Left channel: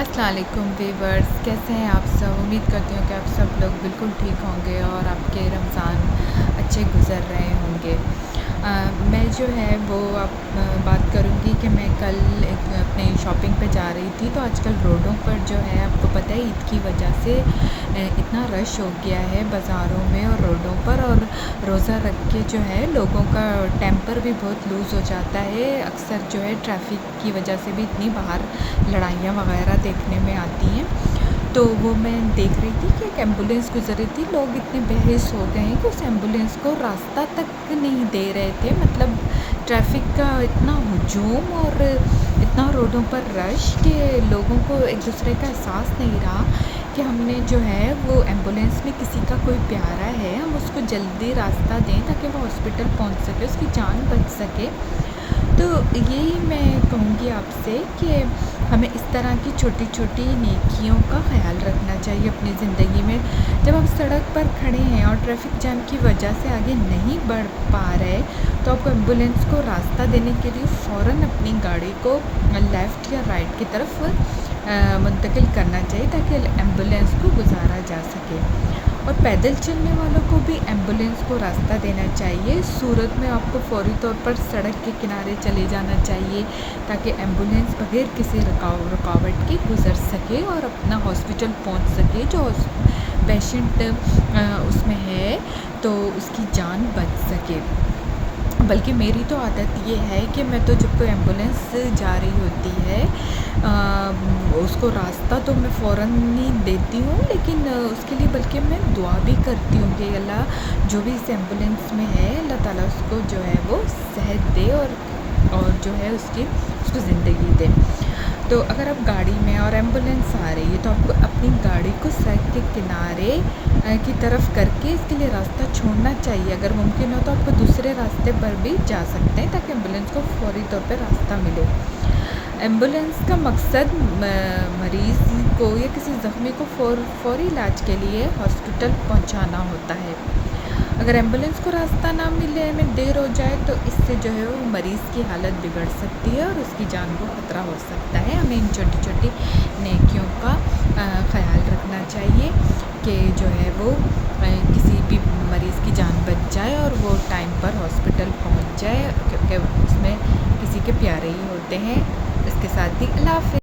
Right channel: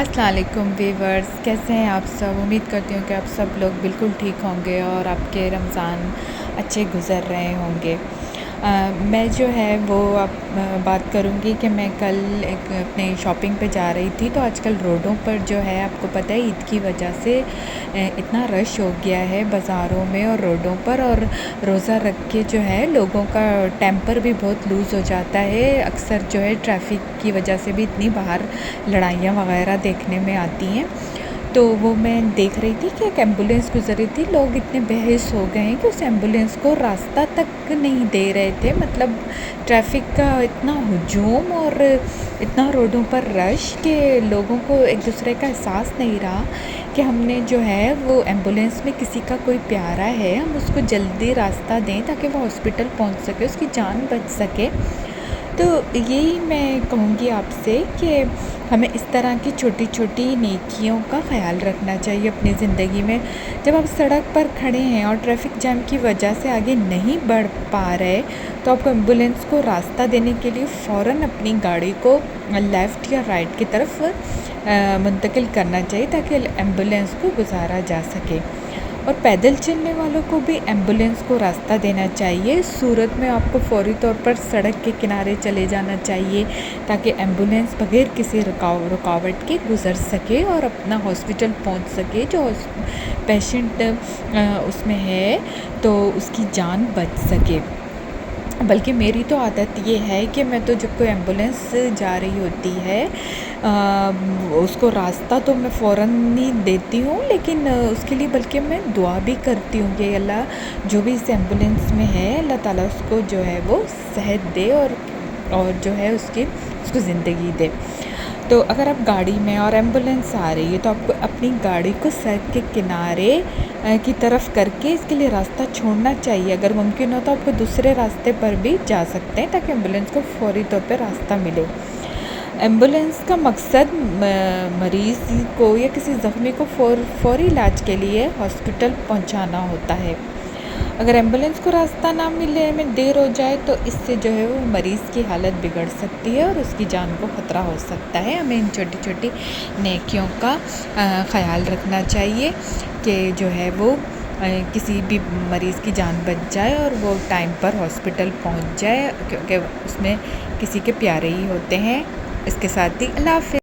السلام علیکم ویورز، کیسے ہیں آپ سب؟ امید کرتی ہوں کہ آپ سب لوگ بالکل ٹھیک ہوں گے اور آپ کے رمضان اچھے گزر رہے ہوں گے۔ میں جو ہے وہ اب بات کروں گی کہ میں کل ایک اپنی شاپنگ پہ جا رہی تھی، تو آج کل روڈوں پر جو ہے آپ کو پتہ ہے عید کی وجہ سے اتنا رش ہو گیا ہے بازاروں میں اور روڈوں پر، اور روزہ رکھ کے جو ہے لوگوں کا ٹیمپر بھی بہت لوز ہو جاتا ہے۔ اکثر جو ہے ٹریفک کی وجہ سے بھی اتنی باہر لڑائیاں وغیرہ دیکھنے میں آتی ہیں، تو وہ میں دیکھ رہی تھی کہ ایک ایمبولینس گزر رہی تھی۔ لوگ اتنے بحث ہو گئے ہیں کہ اس ایمبولینس کو راستہ تک نہیں دے رہے تھے، مطلب ٹریفک کا اتنا ہجوم اور اتنا روڈوں پر رش کہ لوگوں کو ایک دوسرے کا احساس نہیں رہا کہ ہم نے جو ہے وہ ایمبولینس میں کسی کا کوئی پیارا ہے، ہم اس کو جلدی راستہ دیں تاکہ وہ ہاسپٹل پہنچ سکے، اس کی جان بچ سکے۔ تو یہی میں کہوں گی آپ سے کہ ہمیں اس طرح کی چھوٹی چھوٹی نیکیوں کا خیال رکھنا چاہیے اپنی زندگی میں۔ جب آپ سڑک پر کھڑے ہیں اور ٹریفک جام کی وجہ سے آگے نہیں بڑھ پا رہے، تو آپ کو ایمبولینس کو راستہ دینے کے لیے فوراً اپنی گاڑی کو لیفٹ یا رائٹ کی طرف منتقل کرنا چاہیے تاکہ ایمبولینس کو گزارا جا سکے۔ اور پیدل چلنے والوں کو بھی ایمبولینس کو راستہ دینا چاہیے۔ اس صورت میں آپ کو فوری طور پر سڑک کے کنارے چلے جانا چاہیے تاکہ ایمبولینس بغیر کسی رکاوٹ کے گزر سکے اور اپنا ہاسپٹل پہنچ سکے، جو پیشنٹ اس میں ہے تو اس کی جان بچ سکے۔ بلکہ میری تو عادت یہ ہے کہ میں تو جب کوئی ایمبولینس جا رہی ہوتی ہے اس کو راستہ تو میں فوراً ہی دیتی ہوں، لیکن اس کے لیے بلکہ میں دعا بھی کرتی ہوں کہ اللہ جو بھی اس ایمبولینس میں ہے، اللہ تعالیٰ اس کو جو ہے وہ صحت دے اور جو ہے اس کو زندگی دے۔ تو اگر آپ گاڑی میں اور ایمبولینس آ رہی ہے تو آپ کو اپنی گاڑی کو سڑک کے کنارے کی طرف کر کے اس کے لیے راستہ چھوڑنا چاہیے۔ اگر ممکن ہو تو آپ کو دوسرے راستے پر بھی جا سکتے ہیں تاکہ ایمبولینس کو فوری طور پہ راستہ ملے۔ ایمبولینس کا مقصد مریض کو یا کسی زخمی کو فوری علاج کے لیے ہاسپٹل پہنچانا ہوتا ہے۔ اگر ایمبولینس کو راستہ نہ ملے، میں دیر ہو جائے تو اس سے جو ہے وہ مریض کی حالت بگڑ سکتی ہے اور اس کی جان کو خطرہ ہو سکتا ہے۔ ہمیں ان چھوٹی چھوٹی نیکیوں کا خیال رکھنا چاہیے کہ جو ہے وہ کسی بھی مریض کی جان بچ جائے اور وہ ٹائم پر ہاسپٹل پہنچ جائے، کیونکہ اس میں کسی کے پیارے ہی ہوتے ہیں۔ اس کے ساتھ ہی اللہ حافظ۔